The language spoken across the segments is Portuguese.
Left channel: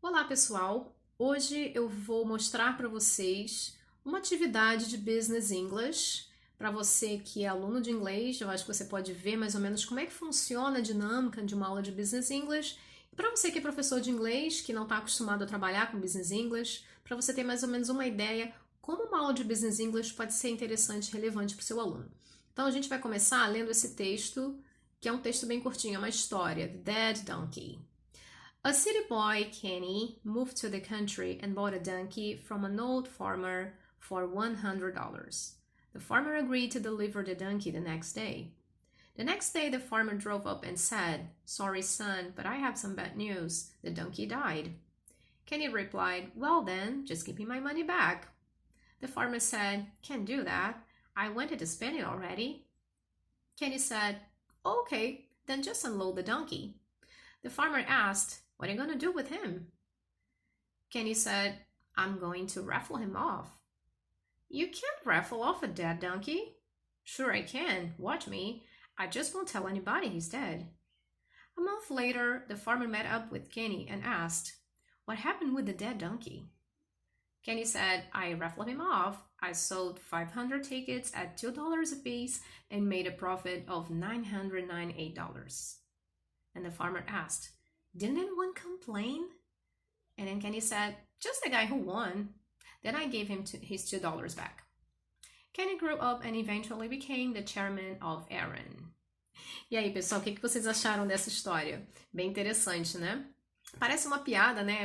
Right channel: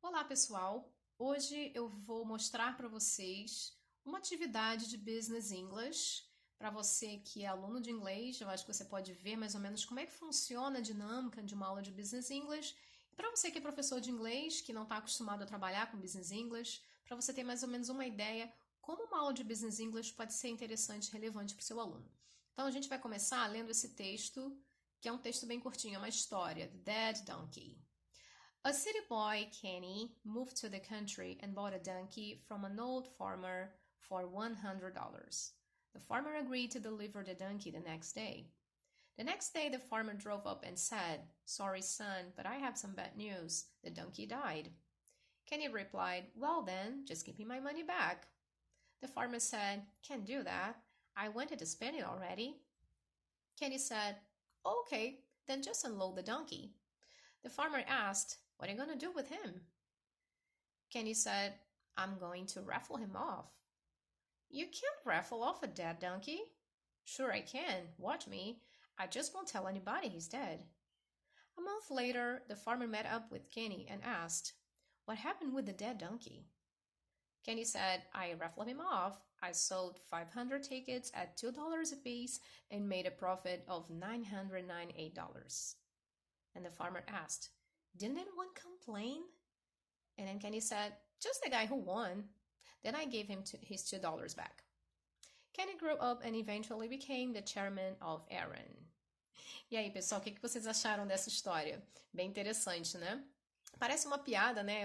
Olá, pessoal! Hoje eu vou mostrar para vocês uma atividade de Business English. Para você que é aluno de inglês, eu acho que você pode ver mais ou menos como é que funciona a dinâmica de uma aula de Business English. E para você que é professor de inglês, que não está acostumado a trabalhar com Business English, para você ter mais ou menos uma ideia como uma aula de Business English pode ser interessante e relevante para o seu aluno. Então a gente vai começar lendo esse texto, que é um texto bem curtinho, é uma história, The Dead Donkey. A city boy, Kenny, moved to the country and bought a donkey from an old farmer for $100. The farmer agreed to deliver the donkey the next day. The next day, the farmer drove up and said, "Sorry, son, but I have some bad news. The donkey died." Kenny replied, "Well, then, just give me my money back." The farmer said, "Can't do that. I wanted to spend it already." Kenny said, "Okay, then just unload the donkey." The farmer asked, "What are you going to do with him?" Kenny said, "I'm going to raffle him off." "You can't raffle off a dead donkey." "Sure I can. Watch me. I just won't tell anybody he's dead." A month later, the farmer met up with Kenny and asked, "What happened with the dead donkey?" Kenny said, "I raffled him off. I sold 500 tickets at $2 apiece and made a profit of $998. And the farmer asked, "Didn't anyone complain?" And then Kenny said, "Just the guy who won." Then I gave him his $2 back. Kenny grew up and eventually became the chairman of Aaron. E aí, pessoal, o que vocês acharam dessa história? Bem interessante, né? Parece uma piada, né?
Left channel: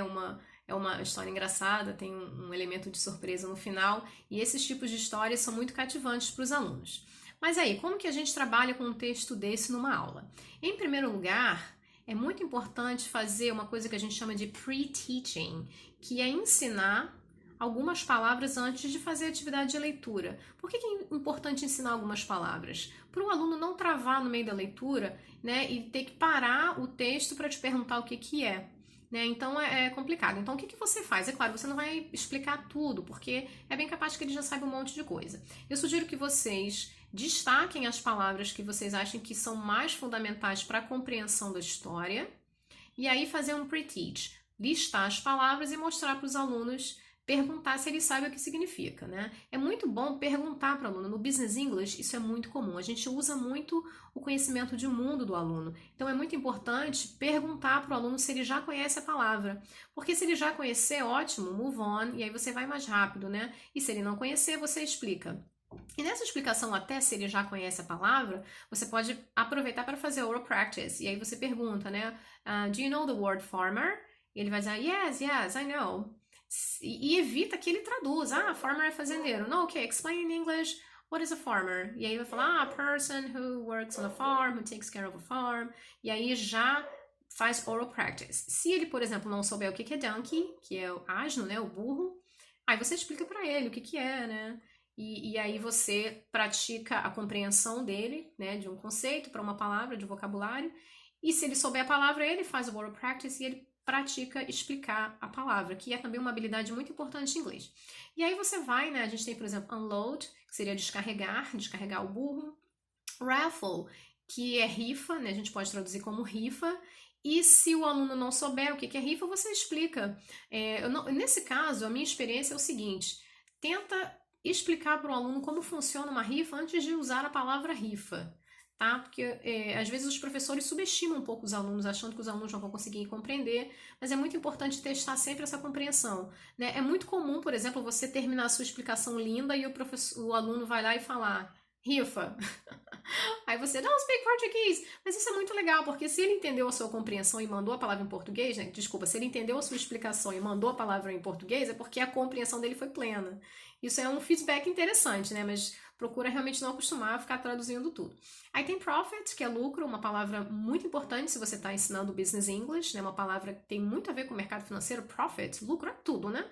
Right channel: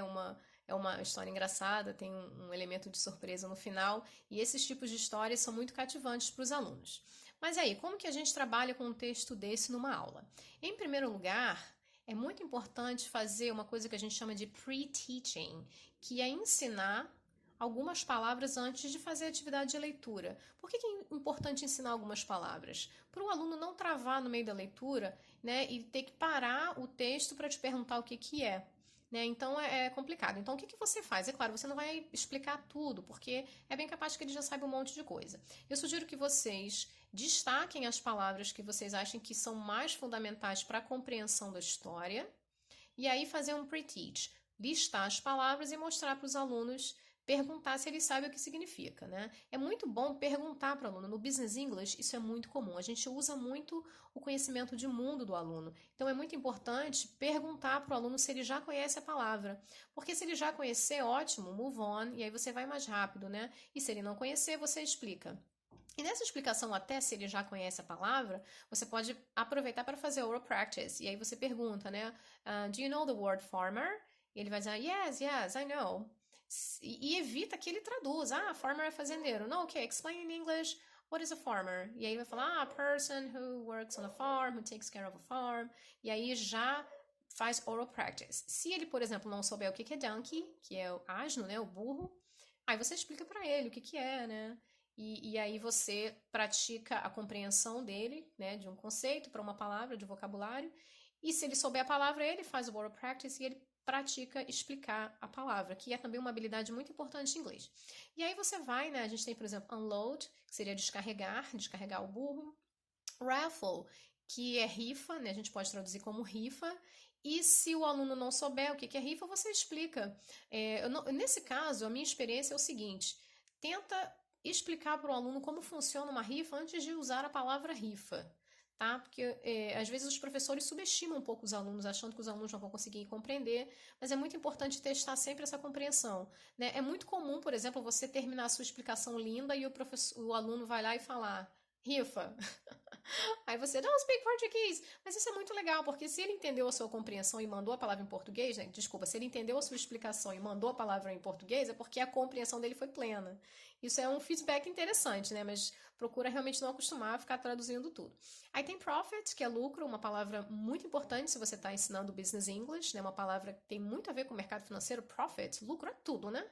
É uma história engraçada, tem um elemento de surpresa no final, e esses tipos de histórias são muito cativantes para os alunos. Mas aí, como que a gente trabalha com um texto desse numa aula? Em primeiro lugar, é muito importante fazer uma coisa que a gente chama de pre-teaching, que é ensinar algumas palavras antes de fazer a atividade de leitura. Por que é importante ensinar algumas palavras? Para o aluno não travar no meio da leitura, né, e ter que parar o texto para te perguntar o que é. Né? Então é complicado. Então o que você faz? É claro, você não vai explicar tudo, porque é bem capaz que ele já saiba um monte de coisa. Eu sugiro que vocês destaquem as palavras que vocês acham que são mais fundamentais para a compreensão da história, e aí fazer um pre-teach, listar as palavras e mostrar para os alunos, perguntar se eles sabem o que significa, né? É muito bom perguntar para o aluno. No Business English, isso é muito comum. A gente usa muito o conhecimento de mundo do aluno. Então, é muito importante perguntar para o aluno se ele já conhece a palavra. Porque se ele já conhecer, ótimo, move on, e aí você vai mais rápido, né? E se ele não conhecer, você explica. E nessa explicação, até se ele já conhece a palavra, você pode aproveitar para fazer oral practice. E aí você pergunta, né? Do you know the word farmer? E ele vai dizer, yes, I know. E evita que ele traduza. Farmer é fazendeiro. No, okay, explain in English. What is a farmer? E aí ele vai falar, a person who works on a farm, who takes care of a farm. E aí já faz oral practice. Se ele, por exemplo, não souber o que é donkey, que é o asno, né, o burro, aí você explica para ele o que é, né? E aí você pratica a compreensão dele, né, de um conceito para uma palavra, de vocabulário. E se ele souber a palavra, ele faz o oral practice e ele pratica explicar a palavra, que é também uma habilidade muito importante em inglês. E aí você vai, né, a gente tem, por exemplo, unload, que seria descarregar o burro. Raffle, que é rifa, né, a gente pode traduzir como rifa. E se o aluno não souber o que é rifa, você explica. Nesse caso, a minha experiência é o seguinte, tenta explicar para o aluno como funciona uma rifa antes de usar a palavra rifa, tá? Porque às vezes os professores subestimam um pouco os alunos, achando que os alunos não vão conseguir compreender, mas é muito importante testar sempre essa compreensão, né? É muito comum, por exemplo, você terminar a sua explicação linda e o aluno vai lá e falar rifa. Aí você, não, speak português. Mas isso é muito legal, porque se ele entendeu a sua compreensão e mandou a palavra em português, né? Desculpa, se ele entendeu a sua explicação e mandou a palavra em português, é porque a compreensão dele foi plena. Isso é um feedback interessante, né? Mas procura realmente não acostumar a ficar traduzindo tudo. Aí tem profit, que é lucro, uma palavra muito importante se você está ensinando Business English, né? Uma palavra que tem muito a ver com o mercado financeiro. Profit, lucro é tudo, né?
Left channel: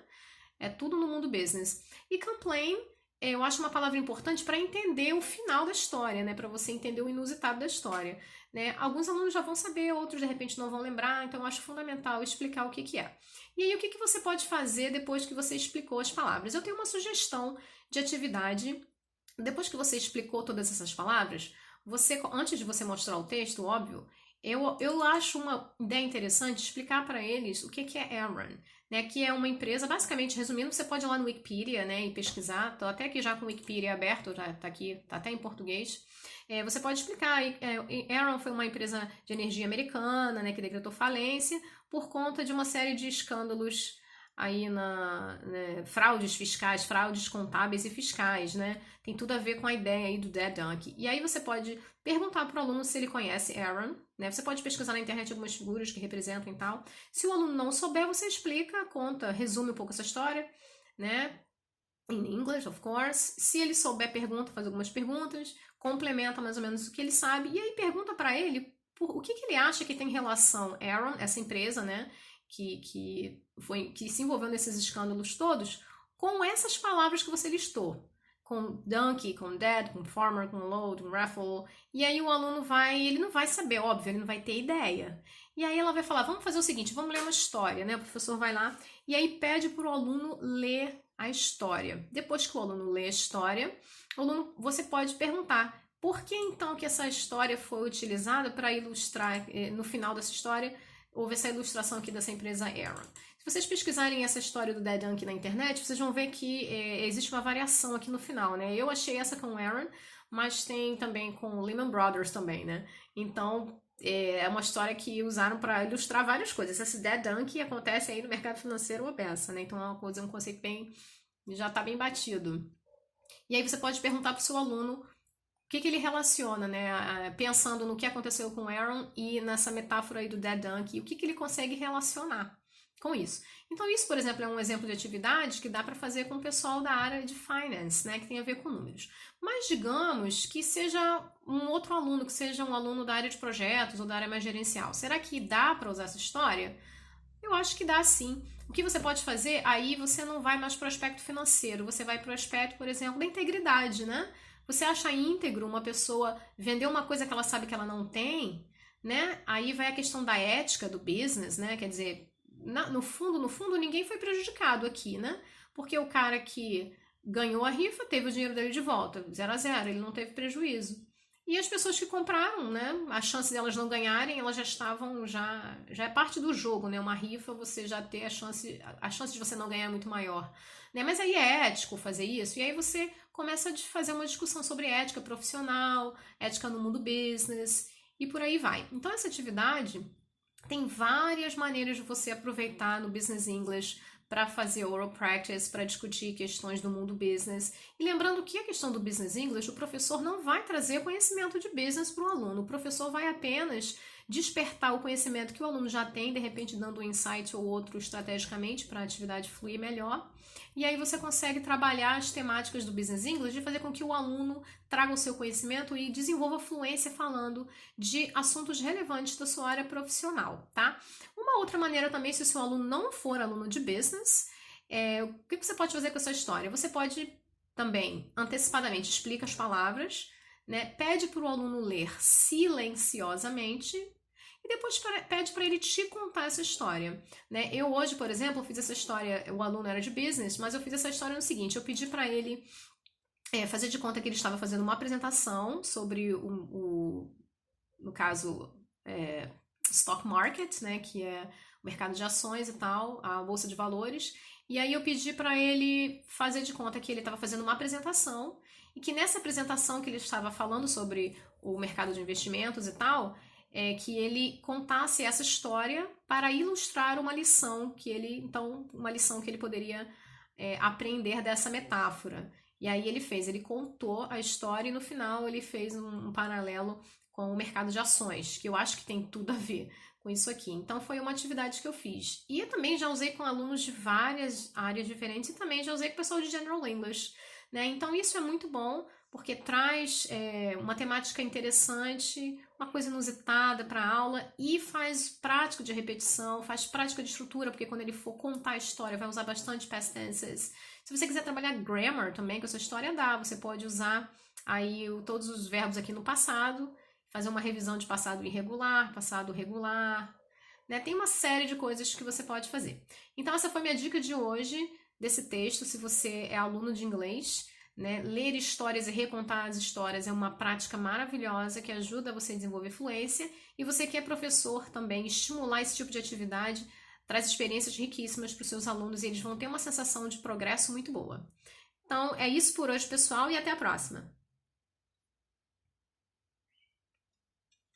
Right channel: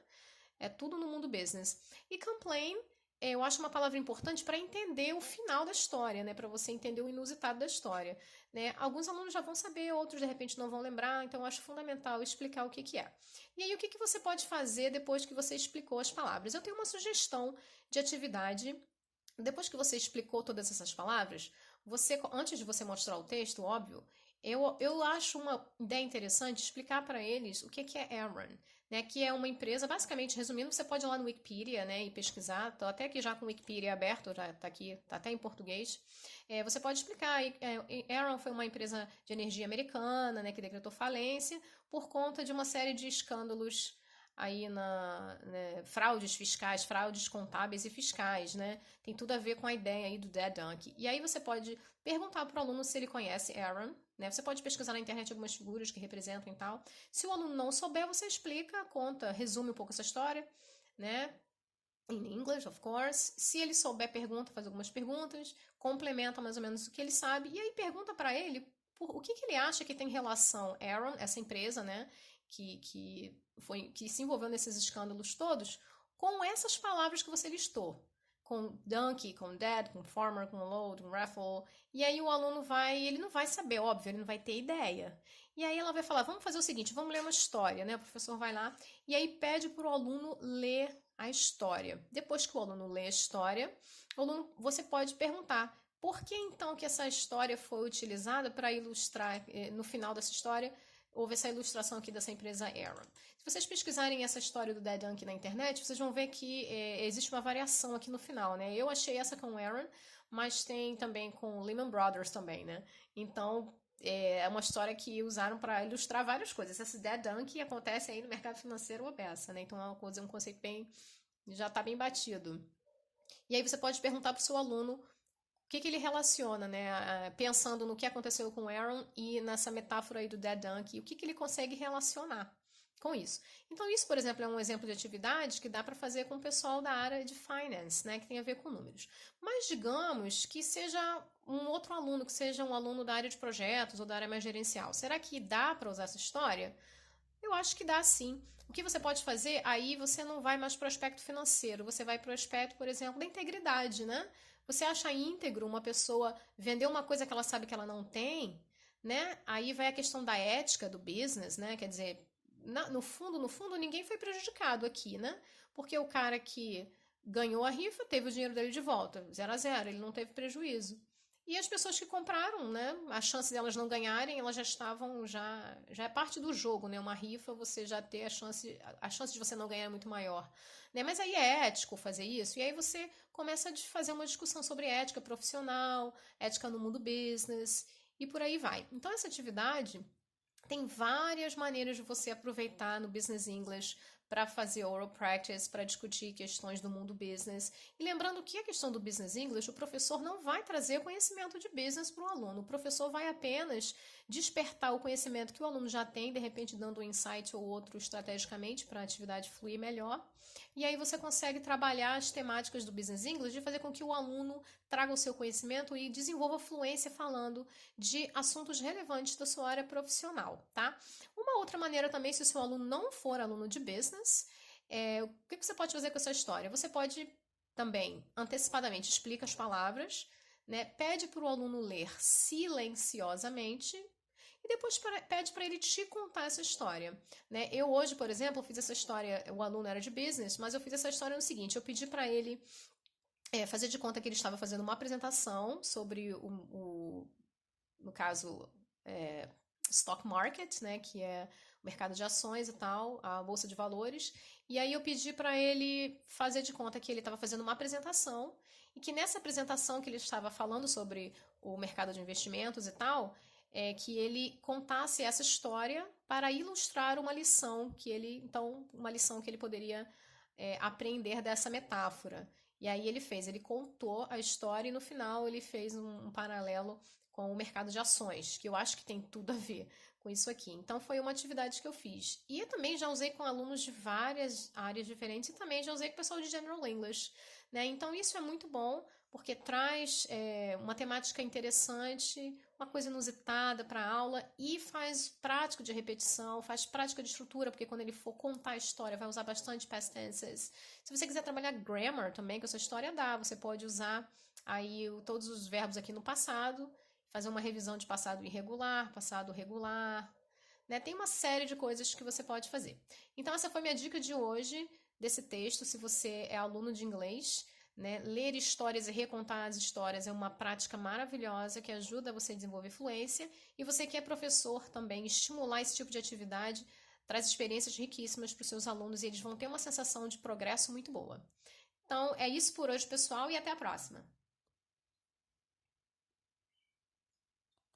É tudo no mundo business. E complain, eu acho uma palavra importante para entender o final da história, né? Para você entender o inusitado da história, né? Alguns alunos já vão saber, outros de repente não vão lembrar, então eu acho fundamental explicar o que é. E aí, o que você pode fazer depois que você explicou as palavras? Eu tenho uma sugestão de atividade. Depois que você explicou todas essas palavras, antes de você mostrar o texto, óbvio, Eu acho uma ideia interessante explicar para eles o que é Aaron, né? Que é uma empresa, basicamente, resumindo, você pode ir lá no Wikipedia, né, e pesquisar. Tô até aqui já com o Wikipedia aberto, já tá aqui, tá até em português. Você pode explicar. Aaron foi uma empresa de energia americana, né, que decretou falência por conta de uma série de escândalos aí né, fraudes fiscais, fraudes contábeis e fiscais, né? Tem tudo a ver com a ideia aí do Dead Donkey. E aí você pode perguntar para o aluno se ele conhece Aaron, né? Você pode pesquisar na internet algumas figuras que representam e tal. Se o aluno não souber, você explica, conta, resume um pouco essa história, né? In English, of course. Se ele souber, pergunta, faz algumas perguntas, complementa mais ou menos o que ele sabe, e aí pergunta para ele o que ele acha que tem relação Aaron, essa empresa, né, que se envolveu nesses escândalos todos, com essas palavras que você listou. Com donkey, com dead, com farmer, com load, com raffle. E aí o aluno ele não vai saber, óbvio, ele não vai ter ideia. E aí ela vai falar, vamos fazer o seguinte, vamos ler uma história, né? O professor vai lá e aí pede para o aluno ler a história. Depois que o aluno lê a história, você pode perguntar por que então que essa história foi utilizada para ilustrar, no final dessa história, houve essa ilustração aqui dessa empresa Aaron. Se vocês pesquisarem essa história do Dead Donkey na internet, vocês vão ver que existe uma variação aqui no final, né? Eu achei essa com Aaron, mas tem também com Lehman Brothers também, né? Então, é uma história que usaram para ilustrar várias coisas. Esse Dead Donkey acontece aí no mercado financeiro uma peça, né? Então é uma coisa, um conceito bem, já está bem batido. E aí você pode perguntar para o seu aluno o que ele relaciona, né? Pensando no que aconteceu com Aaron e nessa metáfora aí do Dead Donkey, o que ele consegue relacionar com isso. Então isso, por exemplo, é um exemplo de atividade que dá para fazer com o pessoal da área de finance, né, que tem a ver com números. Mas digamos que seja um outro aluno, que seja um aluno da área de projetos ou da área mais gerencial. Será que dá para usar essa história? Eu acho que dá sim. O que você pode fazer, aí você não vai mais para o aspecto financeiro, você vai para o aspecto, por exemplo, da integridade, né? Você acha íntegro uma pessoa vender uma coisa que ela sabe que ela não tem, né? Aí vai a questão da ética do business, né? Quer dizer, no fundo, ninguém foi prejudicado aqui, né? Porque o cara que ganhou a rifa teve o dinheiro dele de volta, 0 a 0, ele não teve prejuízo. E as pessoas que compraram, né? A chance delas não ganharem, elas já estavam, já é parte do jogo, né? Uma rifa, você já ter a chance de você não ganhar é muito maior, né? Mas aí é ético fazer isso, e aí você começa a fazer uma discussão sobre ética profissional, ética no mundo business, e por aí vai. Então essa atividade tem várias maneiras de você aproveitar no Business English para fazer oral practice, para discutir questões do mundo business. E lembrando que a questão do Business English, o professor não vai trazer conhecimento de business para o aluno. O professor vai apenas despertar o conhecimento que o aluno já tem, de repente dando um insight ou outro estrategicamente para a atividade fluir melhor. E aí você consegue trabalhar as temáticas do Business English de fazer com que o aluno traga o seu conhecimento e desenvolva fluência falando de assuntos relevantes da sua área profissional, tá? Uma outra maneira também, se o seu aluno não for aluno de business, o que você pode fazer com essa história? Você pode também, antecipadamente, explica as palavras, né? Pede para o aluno ler silenciosamente e depois pede para ele te contar essa história, né? Eu hoje, por exemplo, fiz essa história, o aluno era de business, mas eu fiz essa história no seguinte, eu pedi para ele fazer de conta que ele estava fazendo uma apresentação sobre no caso, stock market, né, que é o mercado de ações e tal, a bolsa de valores. E aí eu pedi para ele fazer de conta que ele estava fazendo uma apresentação e que nessa apresentação que ele estava falando sobre o mercado de investimentos e tal, que ele contasse essa história para ilustrar uma lição que ele poderia aprender dessa metáfora. E aí ele contou a história e no final ele fez um paralelo com o mercado de ações, que eu acho que tem tudo a ver com isso aqui. Então foi uma atividade que eu fiz. E eu também já usei com alunos de várias áreas diferentes e também já usei com o pessoal de General English, né? Então isso é muito bom, porque traz uma temática interessante, uma coisa inusitada para a aula e faz prática de repetição, faz prática de estrutura, porque quando ele for contar a história vai usar bastante past tenses. Se você quiser trabalhar grammar também com essa história, dá. Você pode usar aí todos os verbos aqui no passado, fazer uma revisão de passado irregular, passado regular, né? Tem uma série de coisas que você pode fazer. Então essa foi minha dica de hoje, desse texto, se você é aluno de inglês, né? Ler histórias e recontar as histórias é uma prática maravilhosa que ajuda você a desenvolver fluência. E você que é professor também, estimular esse tipo de atividade traz experiências riquíssimas para os seus alunos e eles vão ter uma sensação de progresso muito boa. Então, é isso por hoje, pessoal, e até a próxima!